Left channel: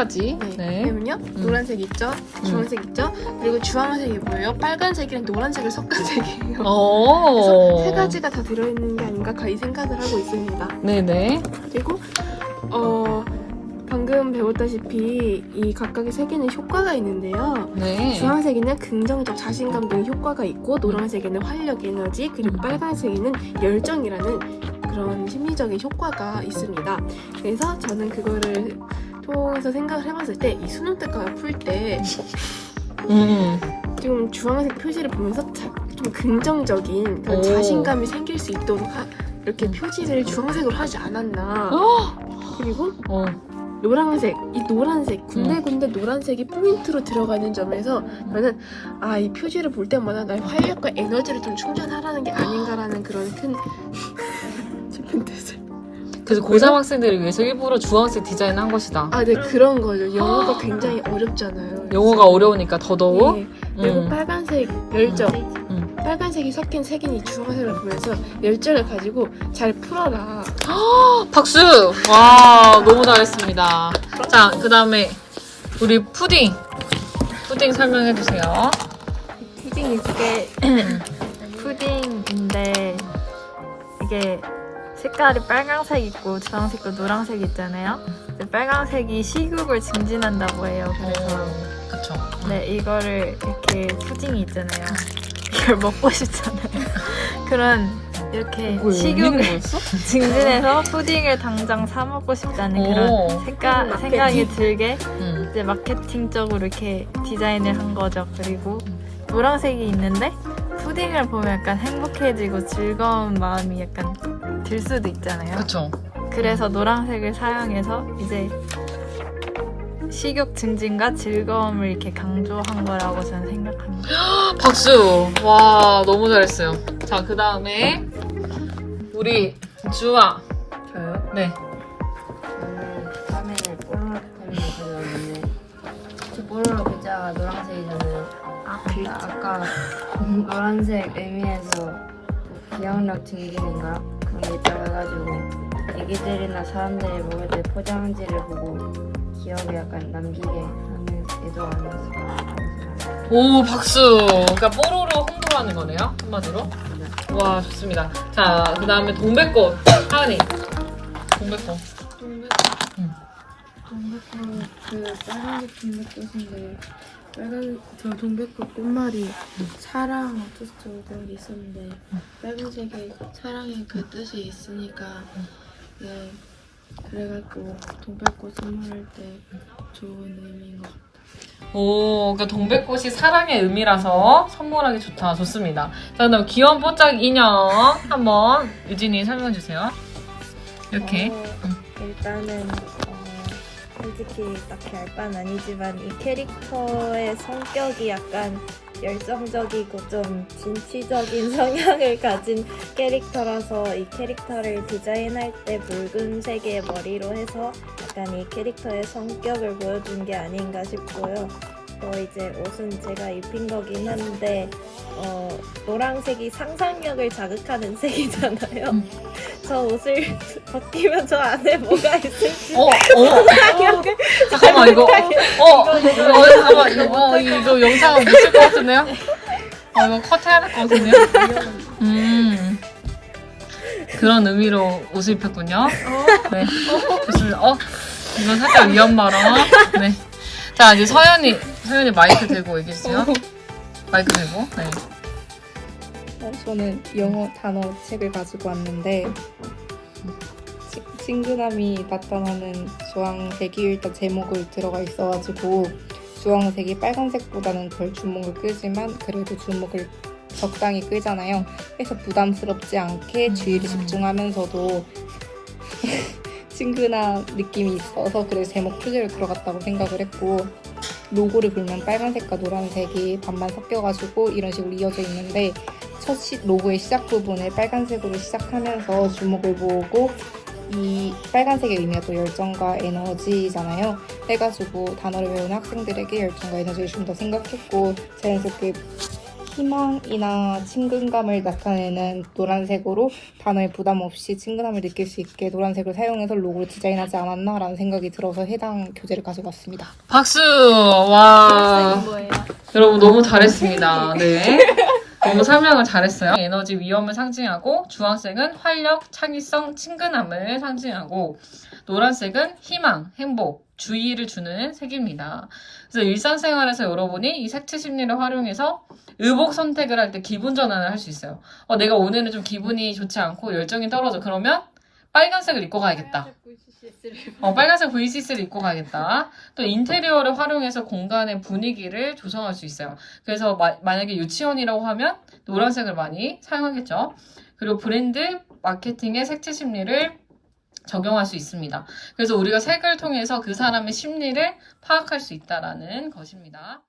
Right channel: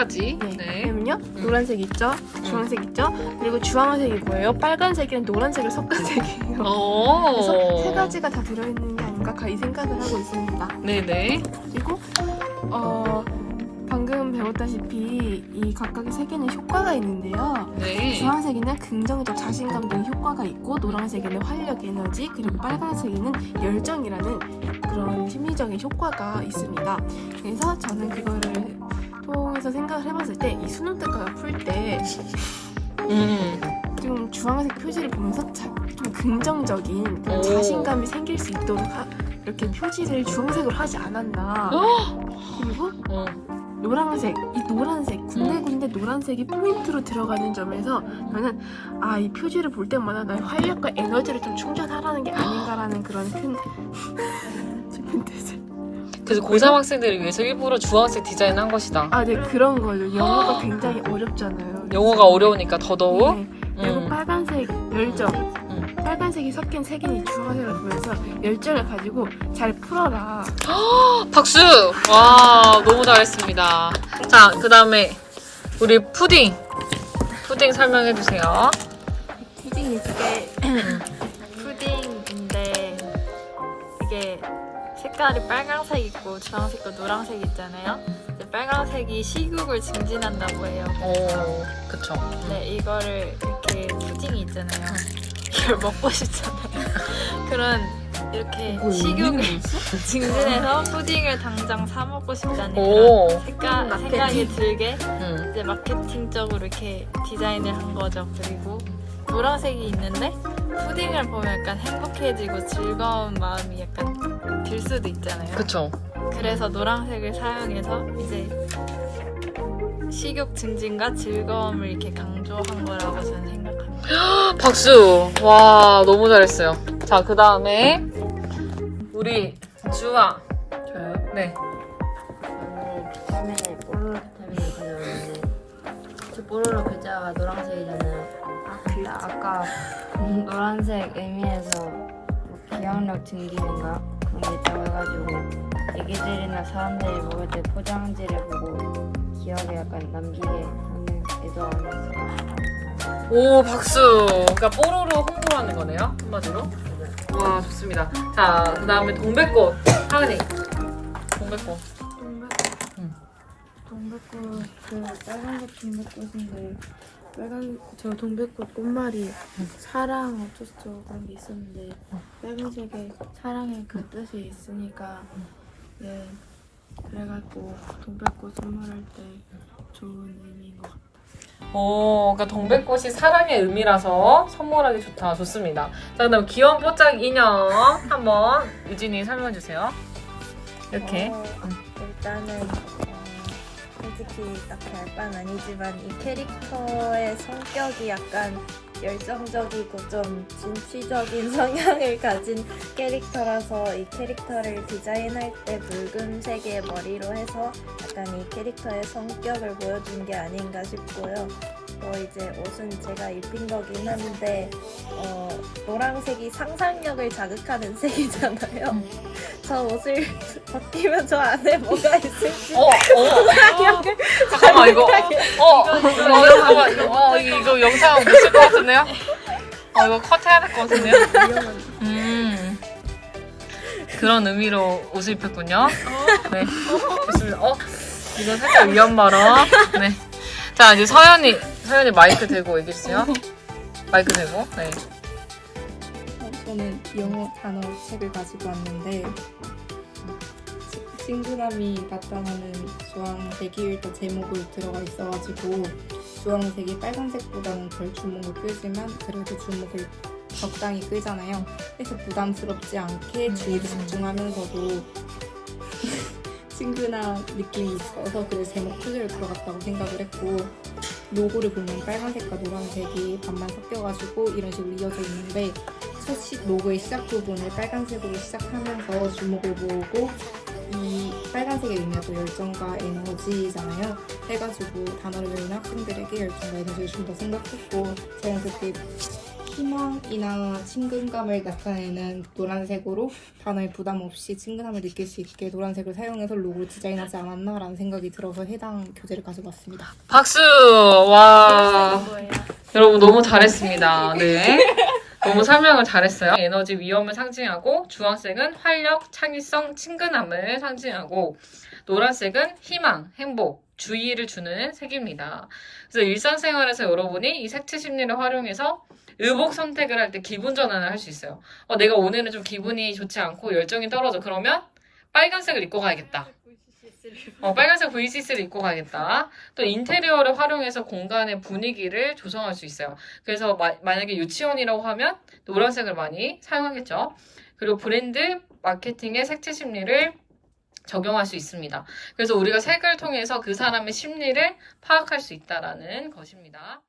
가지. 네. 그러면요 노란색 있죠, 주황색 있죠, 그리고 주황색이 뭐예요? 빨간색이랑 노란색을 섞은 색이에요. 오. 세 가지가 다 들어있는 게 아닌가 거의 생각을 하고 있습니다. 네네. 그리고 어 방금 배웠다시피 이 각각의 세 개는 효과가 있는데요. 네. 주황색에는 긍정적 자신감 등 효과가 있고 노란색에는 활력, 에너지 그리고 빨간색에는 열정이라는 그런 심리적인 효과가 있습니다. 그래서 저는 그거를 통해서 생각을 해봤을 때 이 수능 특강을 풀때좀 음. 주황색 표지를 보면서 자- 좀 긍정적인 그런 오. 자신감이 생길 수 있도록 하- 이렇게 표지를 주황색으로 하지 않았나. 어. 그리고 어. 노란색, 이 노란색, 군데군데 노란색이 포인트로 들어가는 점에서 저는 아, 이 표지를 볼 때마다 나의 활력과 에너지를 좀 충전하라는 게 아닌가 그래서 고3 학생들을 위해서 일부러 주황색 디자인한 것이다. 아, 네, 그런 거죠. 영어가 굉장히 어렵잖아요. 영어가 어려우니까 더더욱. 네, 그리고 음. 빨간색 열정. 음. 빨간색이 섞인 색이 주황색을 보면서 열정을 가지고 잘 풀어라. 박수! 와, 너무 잘했습니다. 자, 그 다음에 우리 푸딩. 푸딩 설명해주세요. 푸딩 이게 푸딩인데 이게 색깔이 빨강색 있고 주황색과 노란색 있잖아요. 근데 빨강색이 식욕을 증진한다고 해요. 오, 그쵸. 네, 이거를 이렇게 푸딩이 있잖아요. 이걸 먹고 싶잖아요. 그런 이렇게 식욕을 거였어? 증진해서 푸딩을 당장 사 먹고 싶다는 오. 그런 생각, 생각이 들게 응. 이제 마케팅적으로 이렇게 디자인을 한 거죠. 그리고 노란색이 있는데 푸딩을 보면 약간 행복해지고 즐거운 마음이 약간 들 수도 있잖아요. 그쵸. 그래서 노란색을 사용해서 이제 식욕 증진과 즐거움을 이렇게 강조한 거라고 저는 생각합니다. 박수! 와, 너무 잘했어요. 자, 그 다음에 우리 주아. 저요? 네. 처음에 뽀로로 타임을 가져왔는데 저 뽀로로 글자가 노란색이잖아요. 아, 근데 아까 노란색 의미에서 기억력 증진인가 그런 게 있다가지고 애기들이나 사람들이 먹을 때 포장지를 보고 기억에 약간 남기게 하는 의도가 아니었어요. 오, 박수! 그러니까 뽀로로 홍보를 하는 거네요. 한마디로. 와, 좋습니다. 자, 그 다음에 동백꽃. 하은이. 동백꽃. 동백꽃 그 빨간색 동백꽃인데 빨간 저 동백꽃 꽃말이 사랑 어쩌고저쩌고 있었는데 빨간색이 사랑의 그 뜻이 있으니까 네 그래갖고 동백꽃 선물할 때 좋은 의미인 것 같아요. 오, 그러니까 동백꽃이 사랑의 의미라서 선물하기 좋다. 좋습니다. 자, 그다음 귀여운 뽀짝 인형 한번 유진이 설명해 주세요. 이렇게. 어, 일단은 어, 솔직히 딱히 알 바는 아니지만 이 캐릭터의 성격이 약간 열정적이고 좀 진취적인 성향을 가진 캐릭터라서 이 캐릭터를 디자인할 때 붉은색의 머리로 해서 약간 이 캐릭터의 성격을 보여준 게 아닌가 싶고요. 또 이제 옷은 제가 입힌 거긴 한데 어, 노란색이 상상력을 자극하는 색이잖아요. 저 옷을 벗기면 저 안에 뭐가 있을지 어, 어. 상상력을 잠깐만 이거. 어, 이거 잠깐만 이거 어, 이거 영상 못쓸것 같은데요? 어, 이거 컷해야 될 것 같은데요? 음. 그런 의미로 옷을 입혔군요. 네. 좋습니다. 어, 이건 살짝 위험 발언. 네. 자, 이제 서연이, 서연이 마이크 들고 얘기해주세요. 마이크 들고. 네. 어, 저는 영어 단어 책을 가지고 왔는데 치- 친근함이 나타나는 주황색이 일단 제목을 들어가 있어가지고 주황색이 빨간색보다는 덜 주목을 끄지만 그래도 주목을 적당히 끌잖아요. 그래서 부담스럽지 않게 주의를 집중하면서도 친근한 느낌이 있어서 그래서 제목 표지로 들어갔다고 생각을 했고 로고를 보면 빨간색과 노란색이 반반 섞여가지고 이런 식으로 이어져 있는데 첫 시, 로고의 시작 부분을 빨간색으로 시작하면서 주목을 모으고 이 빨간색의 의미가 또 열정과 에너지잖아요. 해가지고 단어를 외우는 학생들에게 열정과 에너지를 좀 더 생각했고 자연스럽게 희망이나 친근감을 나타내는 노란색으로 단어에 부담 없이 친근함을 느낄 수 있게 노란색을 사용해서 로고를 디자인하지 않았나라는 생각이 들어서 해당 교재를 가져왔습니다. 박수! 와. 여러분 너무 잘했습니다. 네. 너무 설명을 잘했어요. 에너지 위험을 상징하고 주황색은 활력, 창의성, 친근함을 상징하고 노란색은 희망, 행복, 주의를 주는 색입니다. 그래서 일상생활에서 여러분이 이 색채 심리를 활용해서 의복 선택을 할 때 기분 전환을 할 수 있어요. 어, 내가 오늘은 좀 기분이 좋지 않고 열정이 떨어져. 그러면 빨간색을 입고 가야겠다. 어, 빨간색 VCC를 입고 가겠다. 또 인테리어를 활용해서 공간의 분위기를 조성할 수 있어요. 그래서 마- 만약에 유치원이라고 하면 노란색을 많이 사용하겠죠. 그리고 브랜드 마케팅의 색채 심리를 적용할 수 있습니다. 그래서 우리가 색을 통해서 그 사람의 심리를 파악할 수 있다라는 것입니다.